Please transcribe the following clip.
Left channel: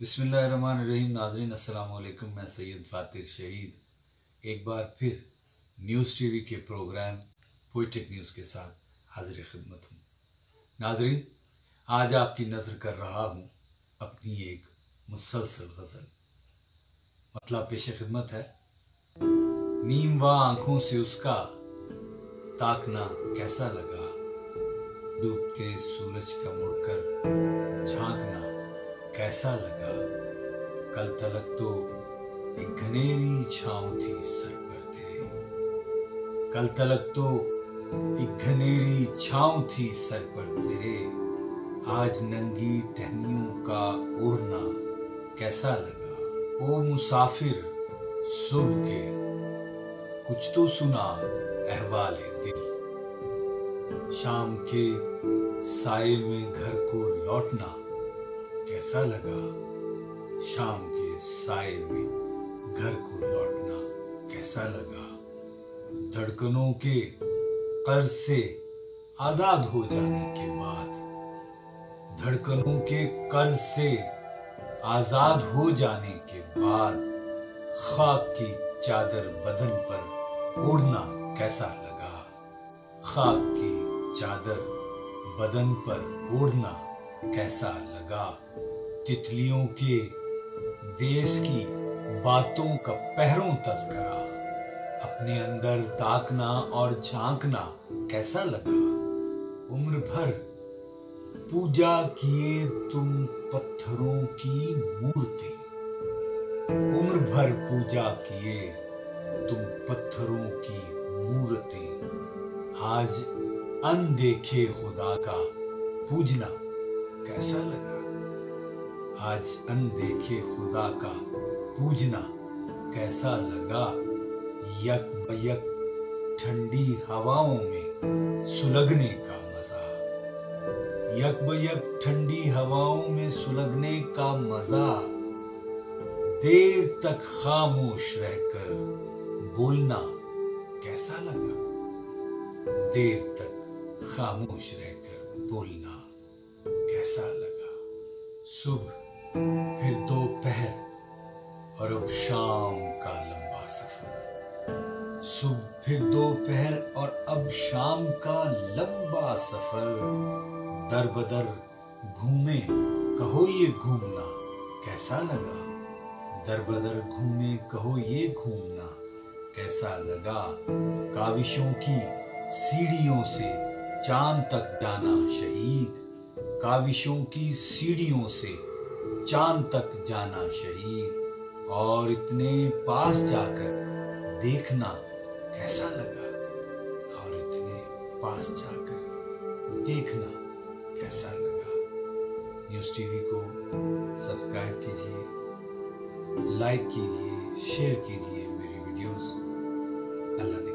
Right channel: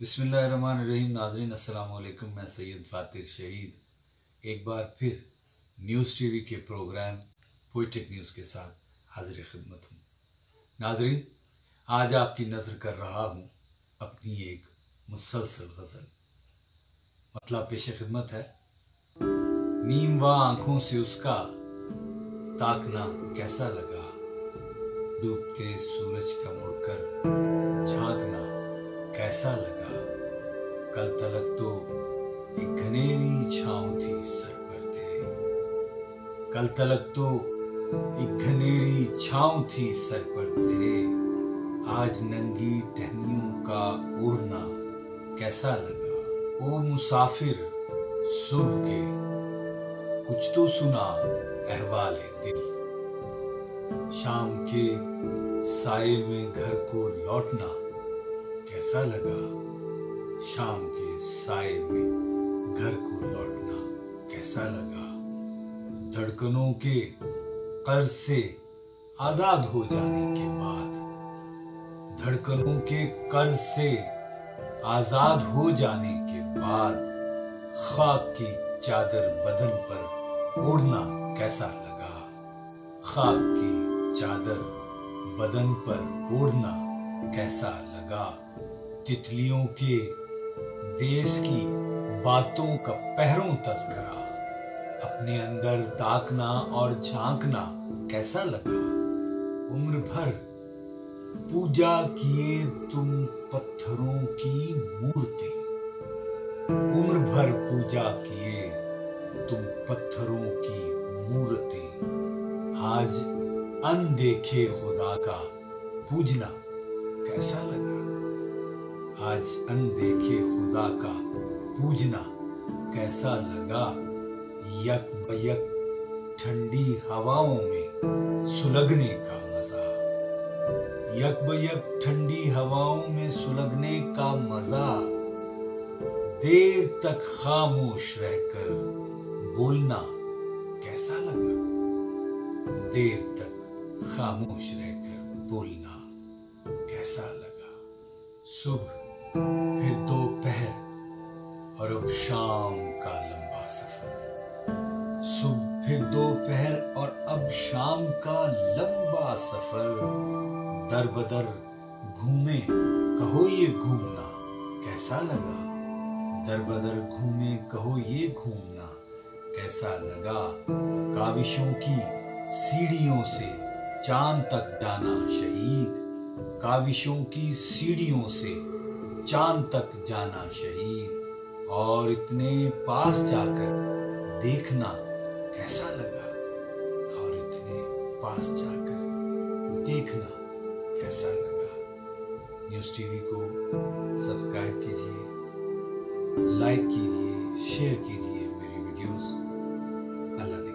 बिस्मिल्लाहिर्रहमानिर्रहीम। नाज़रीन अस्सलाम वालेकुम। मैं सैयद फातिर शहीद एक बार फिर न्यूज़ टीवी के प्रोग्राम पोइटिक न्यूज़ के साथ हाजिर खिदमत हूँ। नाज़रीन, आज आपकी नज़र कर रहा हूँ अपनी एक मुसलसल गज़ल। मतलब पेश खिदमत है। नीम व आँखों से उसका ताकना कैसा लगा, डूबते सूरज का मुड़कर झांकना कैसा लगा। कल तलक तो एक घनेरी छाँव थी सर पर तेरे, कल तलक तो एक घनेरी छाँव थी सर पर तेरे। आज नंगी टहनियों का ओढ़ना कैसा लगा। ओ मुसाफिर सुबह के कुछ तो सुना अहवाले दिल, शाम के साये में घर को लौटना कैसा लगा। शाम के साये में घर को लौटना कैसा लगा। धड़कनों के कर्ज से आजाद हो जाने के बाद, धड़कनों के कर्ज से आजाद हो जाने के बाद, खाक की चादर बदन पर ओढ़ना कैसा लगा। खाक की चादर बदन पर ओढ़ना कैसा लगा। तितलियों के देश की बातों का पहरों तस्करा अपने अंदर ताकना और झांकना कैसा लगा। उम्र भर पूजा किए तुम पत्थरों की मूर्ति, उम्र भर पूजा किए तुम पत्थरों की मूर्तें। आज अनदेखे खुदा का पूजना कैसा लगा। आज अनदेखे खुदा का पूजना कैसा लगा। यक बयक ठंडी हवाओं में सुलगने का मजा, यक बयक ठंडी हवाओं में सुलगने का मजा। देर तक खामोश रहकर बोलना कैसा लगा। देर तक खामोश रहकर बोलना कैसा लगा। सुबह फिर दोपहर और अब शाम का लंबा सफर, सुबह फिर दोपहर और अब शाम का लंबा सफर। दर बदर घूमे कहो ये घूमना कैसा लगा। दर बदर घूमे कहो ये घूमना कैसा लगा। काविशों की सीढ़ियों से चांद तक जाना शहीद, काविशों की सीढ़ियों से चांद तक जाना शहीद। और इतने पास जाकर देखना कैसा लगा। और इतने पास जाकर देखना कैसा लगा। न्यूज़ टीवी को सब्सक्राइब कीजिए, लाइक कीजिए, शेयर कीजिए मेरी वीडियोस। अल्लाह ने